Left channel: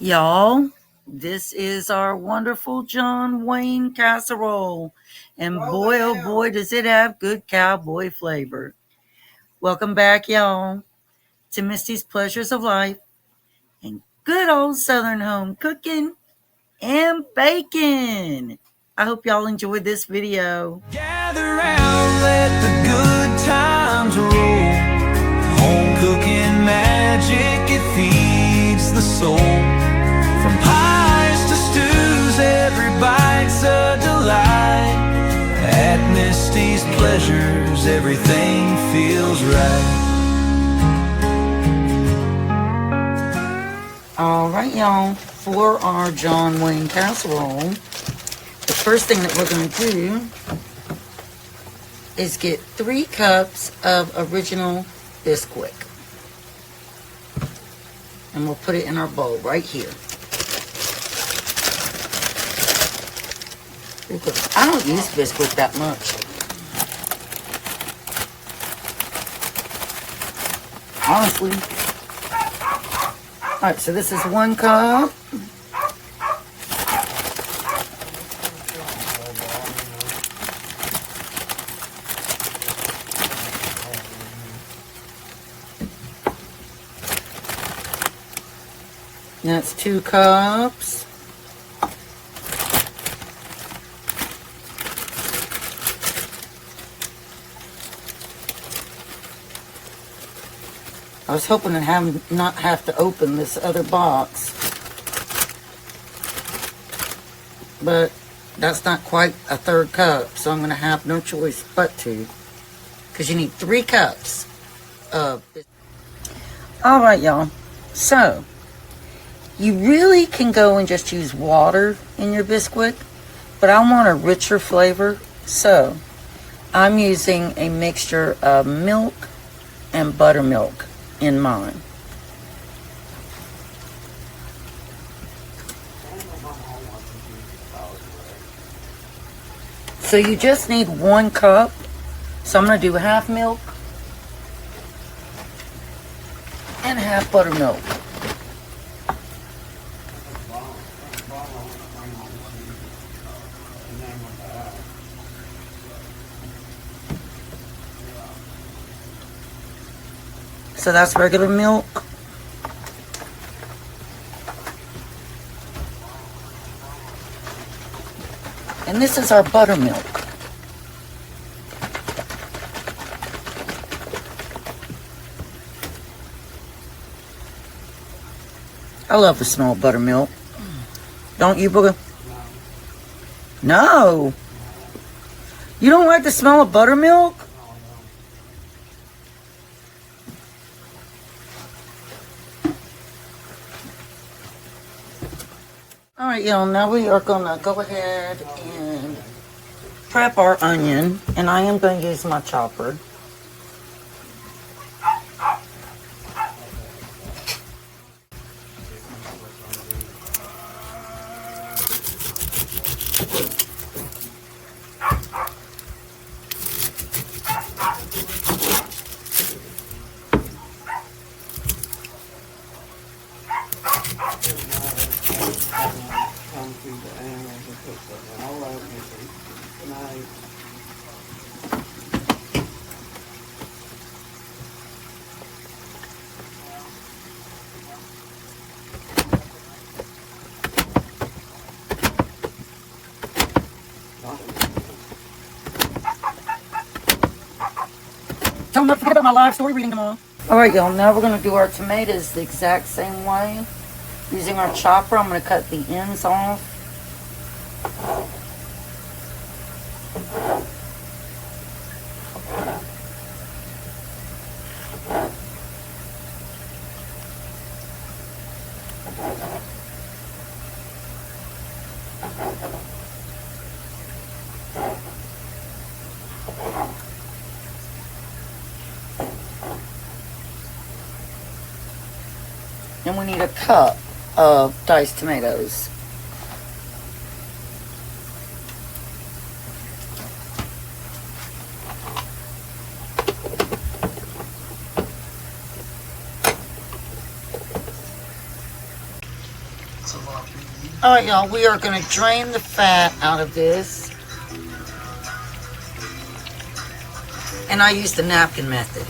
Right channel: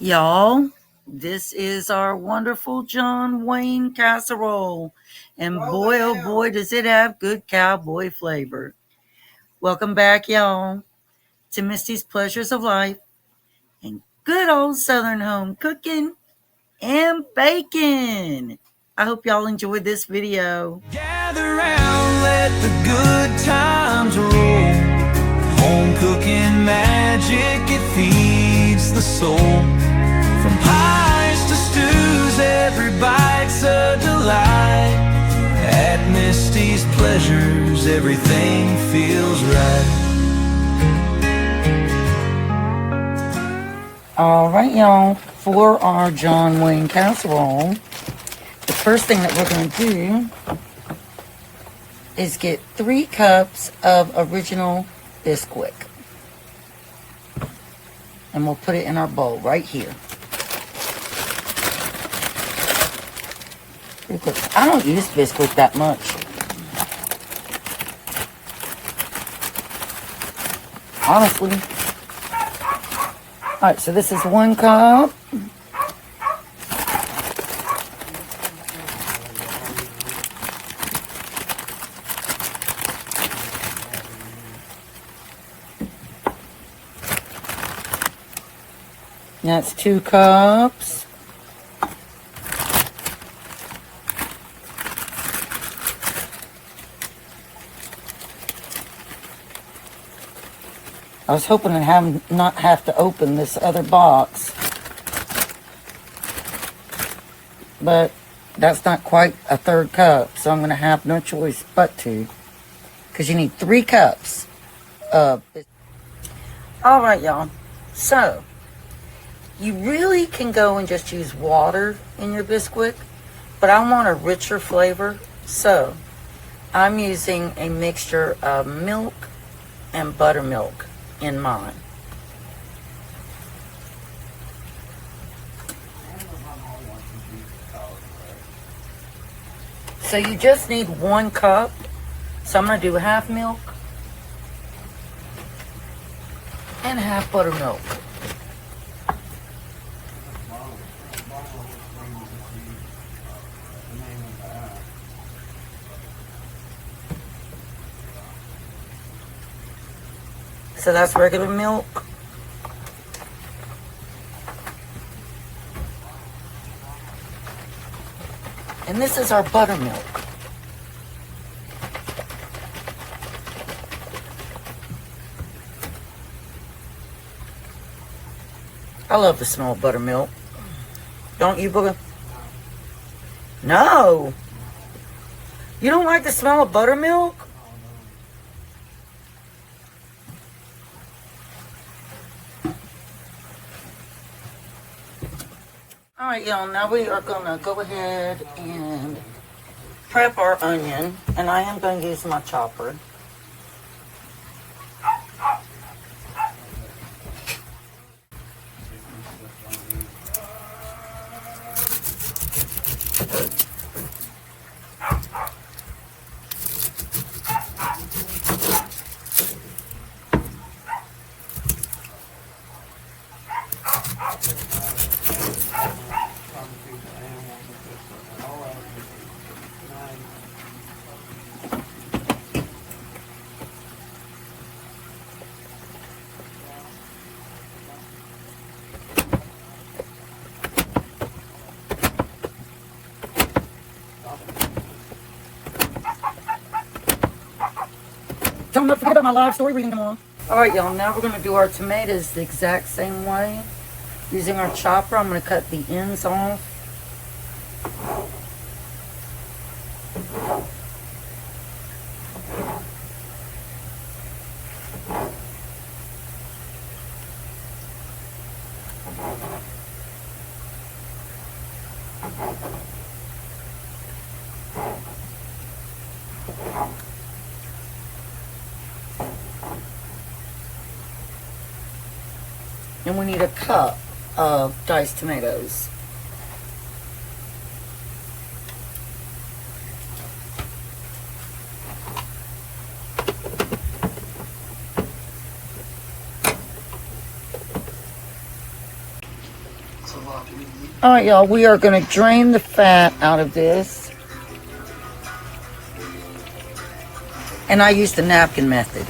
Y'all, this is our wonderful John Wayne casserole. And boy, oh boy, does it have good cowboy flavor. Welcome back, y'all, to Misty's Pleasures of Life and good old Southern home cooking and baking. I hope y'all enjoyed this video. Gather round, let the good times roll. Home cooking magic, it feeds the soul. From pies to stews, every bite's a delight. At Misty's Pleasures, everything feels right. Alright, y'all, for our John Wayne casserole, the first thing that we're going to do is get 3 cups of original Bisquick. And we'll put it in our bowl right here. I don't use Bisquick that much. Honestly. Alright, so this is 1 cup. That's 2 cups. I was hoping to not have to open this other box, but that's not quite a 3rd cup, so I'm going to have no choice but to, because you need 3 cups of. Alright, y'all, so you really can go and just use water in your Bisquick, but I want a richer flavor, so I'm using a mixture of milk and buttermilk in mine. So you just need 1 cup, so I'm going to do half milk and half buttermilk. So that's regular milk. And this is our buttermilk. I love the smell of buttermilk. Don't you, Booger? No. You don't like the smell of buttermilk? Alright, y'all, now we are going to go ahead and prep our onion, and I am going to use my chopper. Don't forget about my live story reading tomorrow. Alright, y'all, now we're going to do our tomatoes the exact same way. Using our chopper, I'm going to cut the ends off. And we need a cup of diced tomatoes. Alright, y'all, we are going to drain the fat out of this. And I use the napkin method.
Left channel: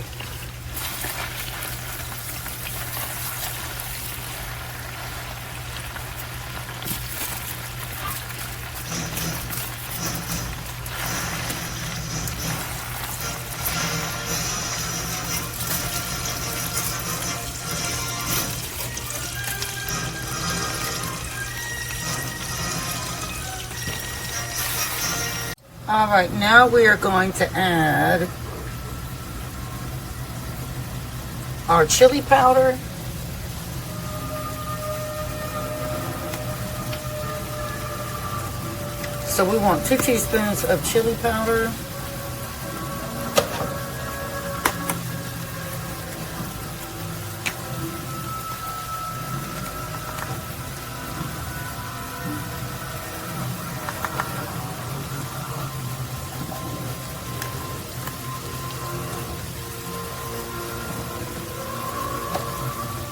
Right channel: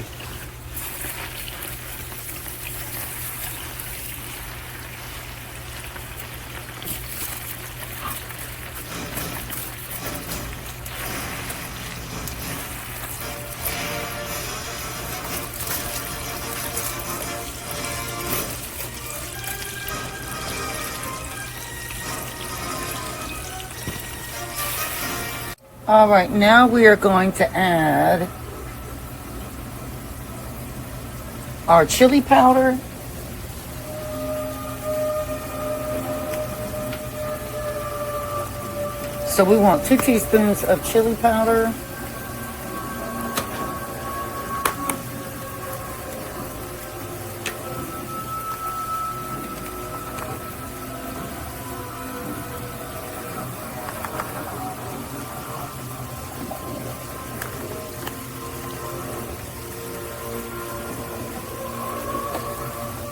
Alright, now we are going to add our chili powder. So we want 2 teaspoons of chili powder.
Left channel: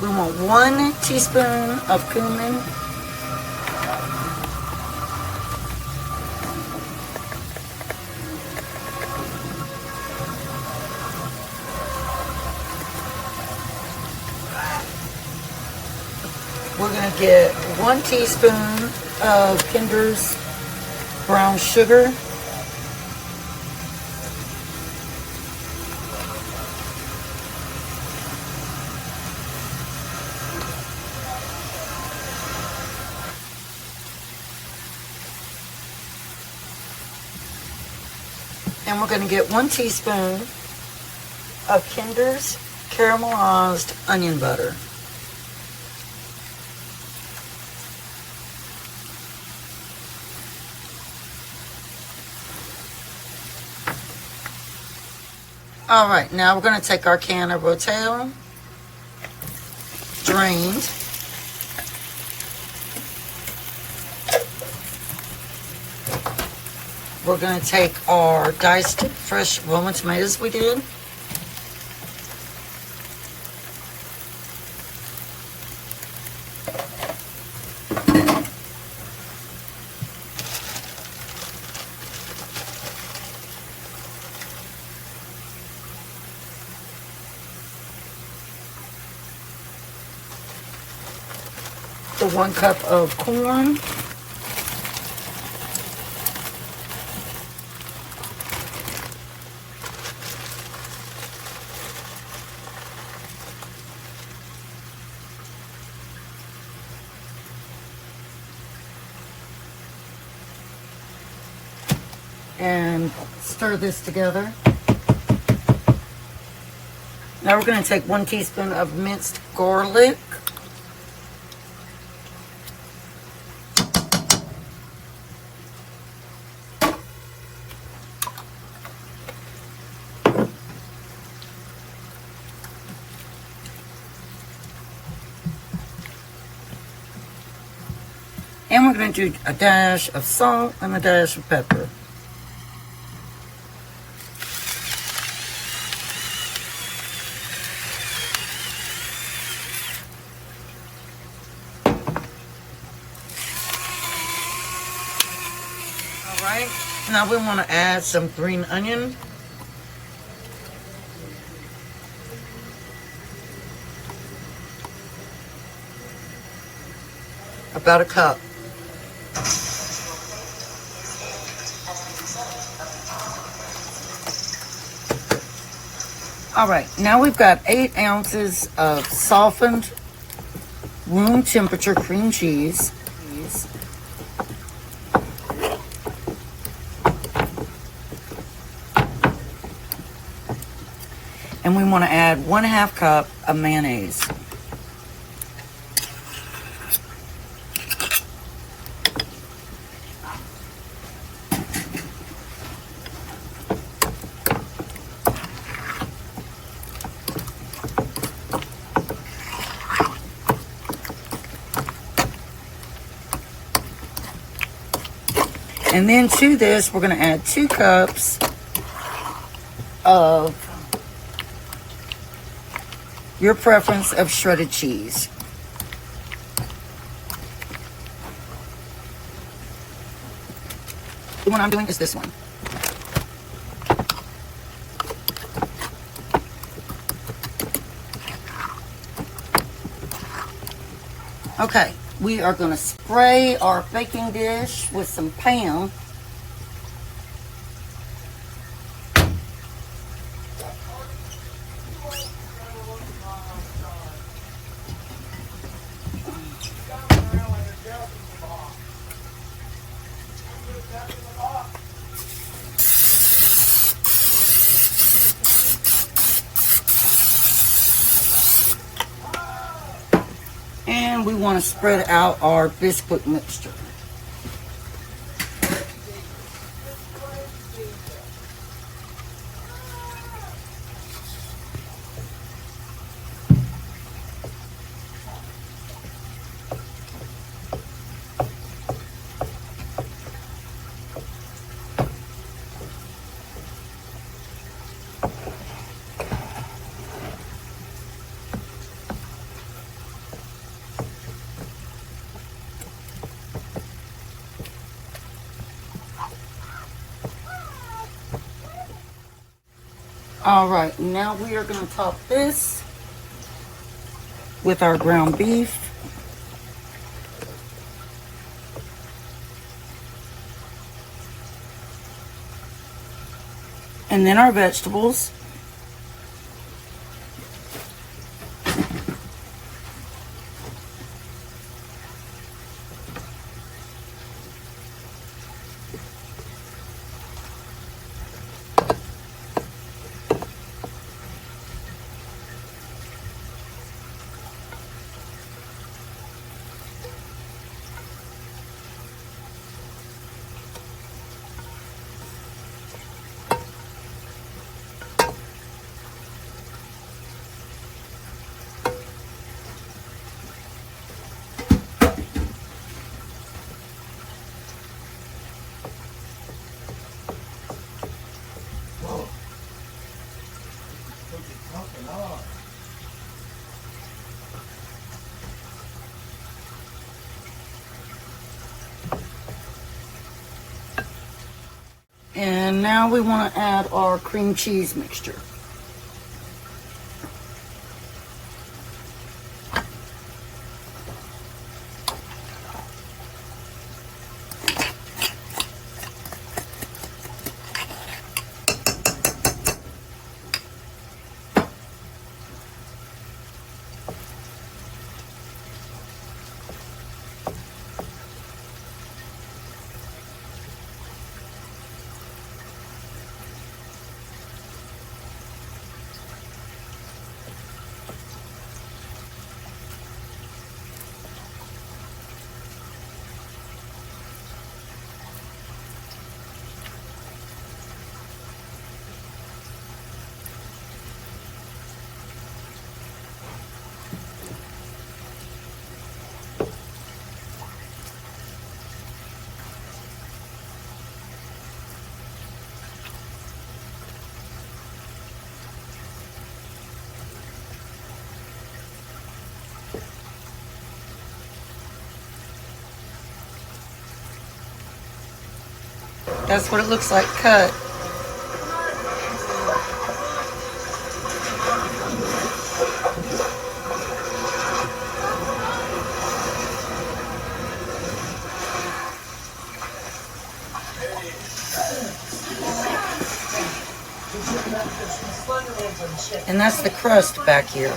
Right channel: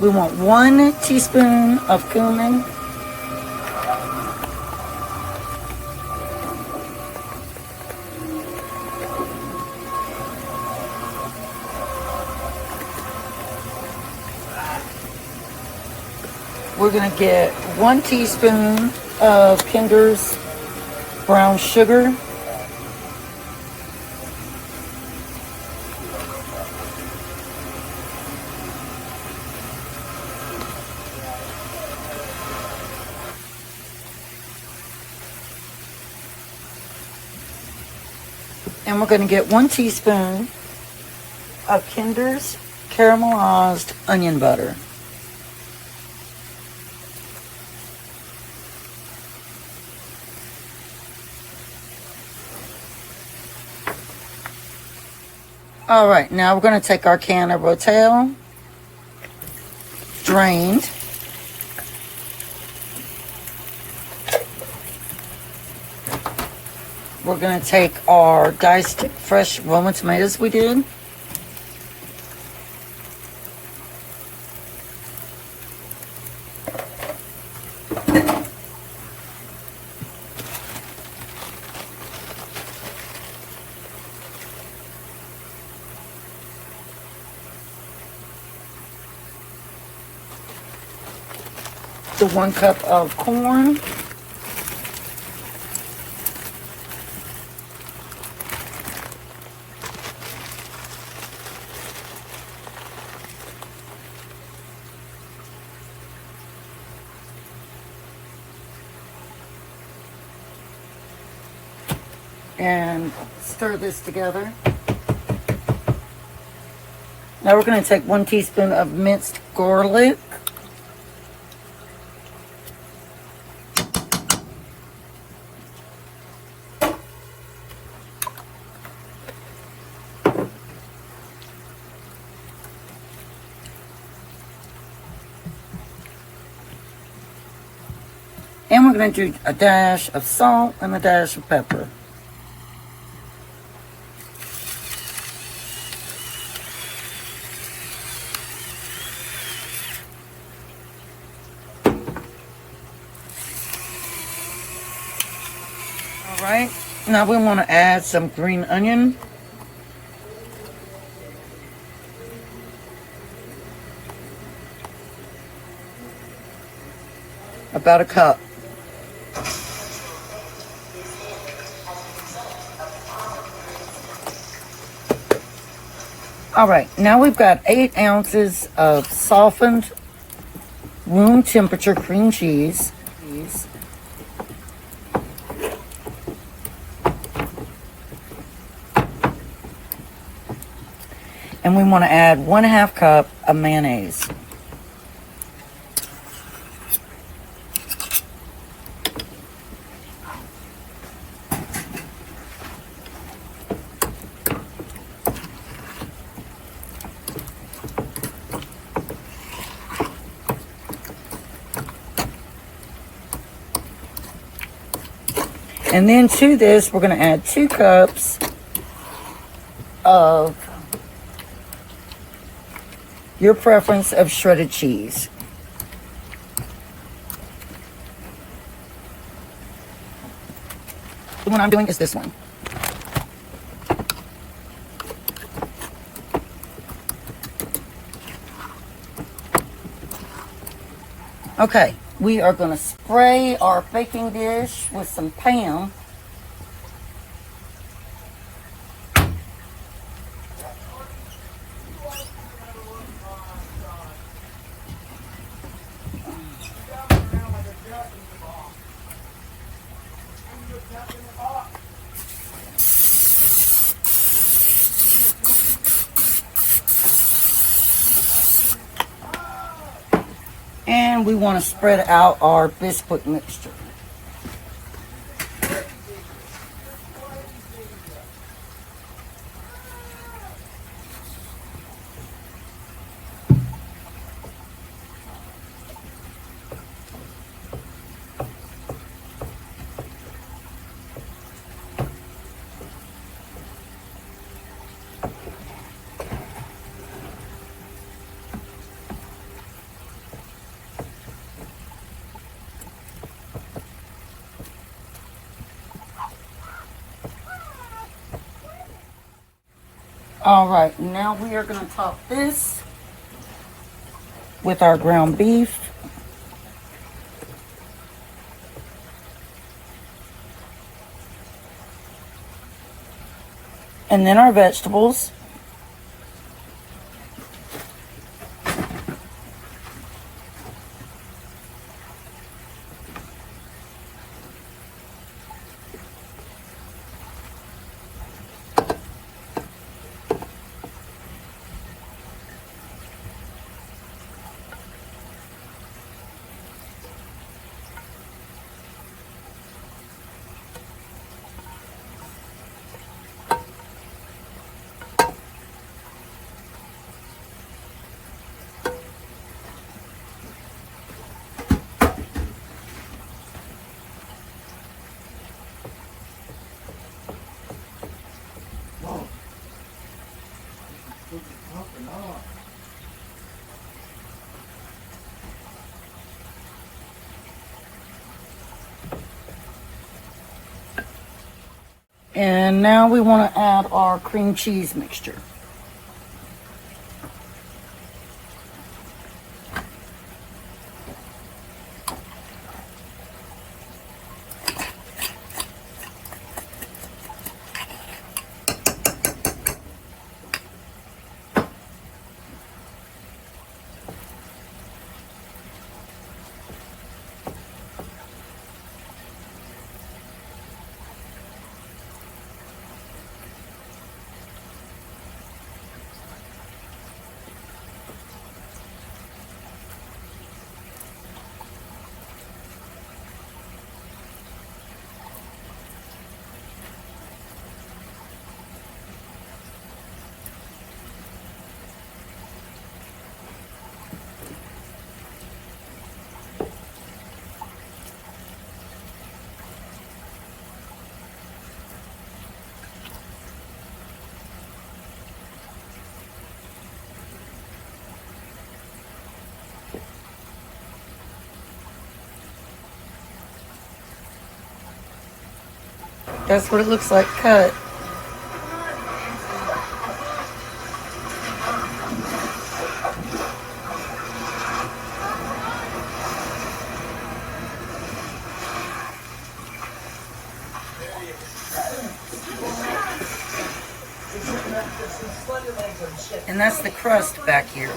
We want 1 teaspoon of cumin. We're going to get 1 teaspoon of Kinder's brown sugar. And we're going to get 1 teaspoon of Kinder's caramelized onion butter. Alright, now we're going to take our can of Rotel, drained. We're going to take our diced fresh Roman tomatoes we did. The 1 cup of corn. And stir this together. Now we're going to take 1 teaspoon of minced garlic. And we're going to do a dash of salt and a dash of pepper. Alright, now we want to add some green onion. About a cup. Alright, now we've got 8 ounces of softened room temperature cream cheese. And we want to add 1/2 cup of mayonnaise. And then to this, we're going to add 2 cups of your preference of shredded cheese. The one I'm doing is this one. Okay, we are going to spray our baking dish with some Pam. And we want to spread out our biscuit mixture. Alright, now we are going to top this with our ground beef. And then our vegetables. And now we want to add our cream cheese mixture. That's what it looks like cut. And that's the crust back here.